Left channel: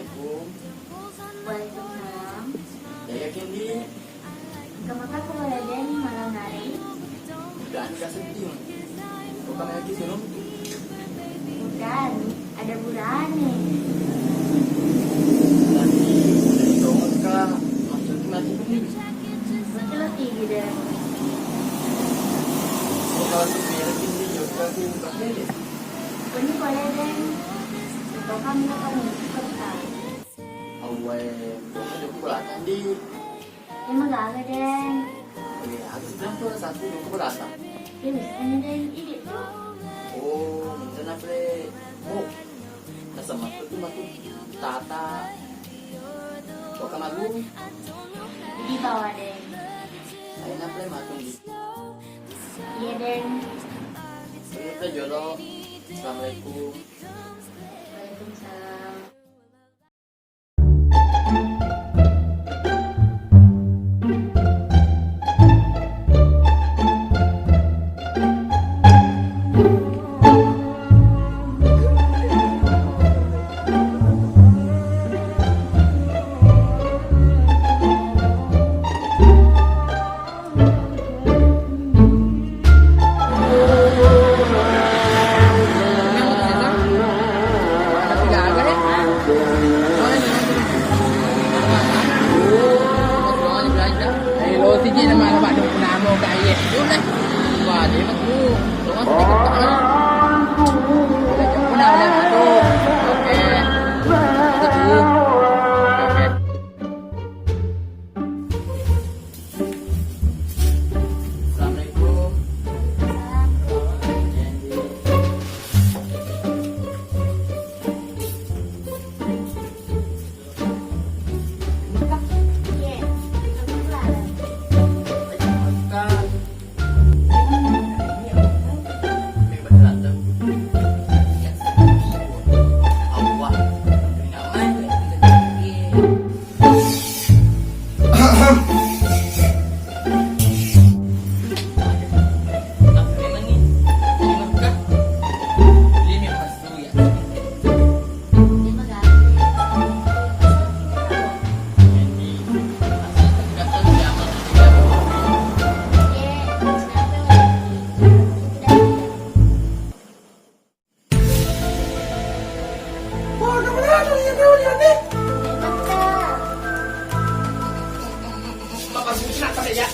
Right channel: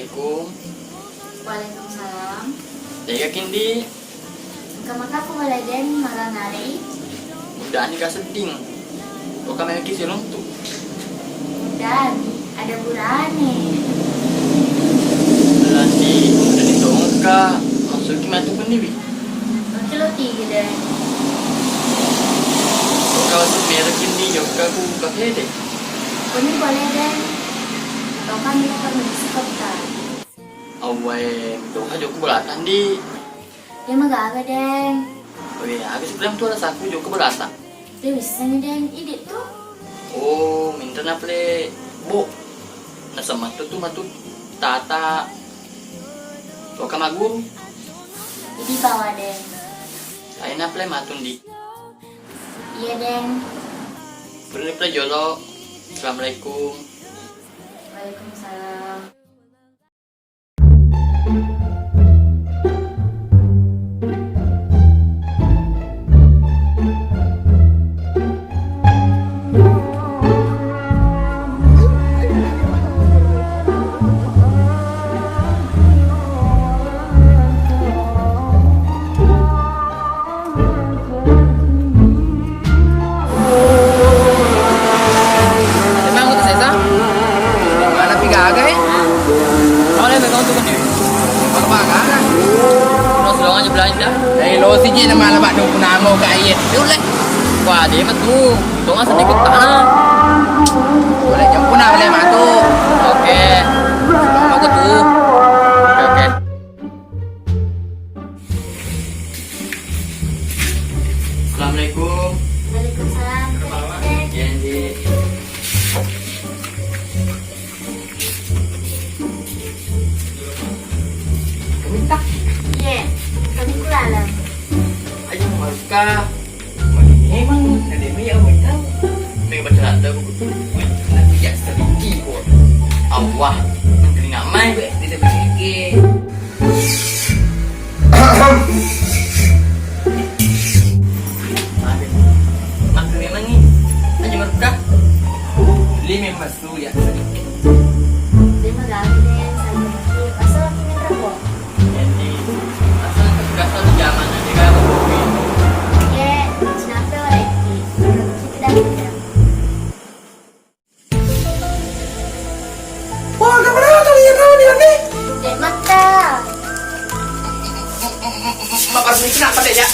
Assalamualaikum. Waalaikumsalam. Tega kindi. Kamaka ko wala din malanari. Udah nih seding. Kok kami lagi silong tuh. Dan ada burane. Nanti udah ditolong kak. Maksud gimana tuh pendiri? Oke lo tiga dan. Kalau sebenarnya kindi juga aku pakai deh. Kuni boleh dan. Atau kami akan bersikap kan. Awai, dong aja aku beratan di. Dia magaga dan. Oh iya, habis bilang tuh ada saku juga beratan. Dia bisa nih dan ide tuh. Oh, minta naple bu. Nasa matu tata. Tuh kamagu. Jadi bawa dan. Saya naple matun di. Iya dan. Beri play jolo. Assalamualaikum. Waalaikumsalam. Lo siji nama alamat dong punamo ke ayat. Dia ulah. Wah, dia mah tuh. Tolong sedikit tanah. Boleh jemput boleh matu. Oke. Aku tuh. Oke. Assalamualaikum. Waalaikumsalam. Janji. Minta. Iya. Kamu kulalam. Ayo Malka. Memang ada mi yang minta. May bercanda buku. Ya sedikit kok. Allah. Menteri namai. Tidak beriki. Maksud memang nih. Hanya merudah. Lima masu ya. Dia magaga dan. Pasal lagi minta kok. Jadi asal ketugasan zaman aja kan. Iya. Kenapa lagi? Kita tidak. Wah, kemana tuh yang tahu nih? Dan mata. Bapak ini kenapa deh ya?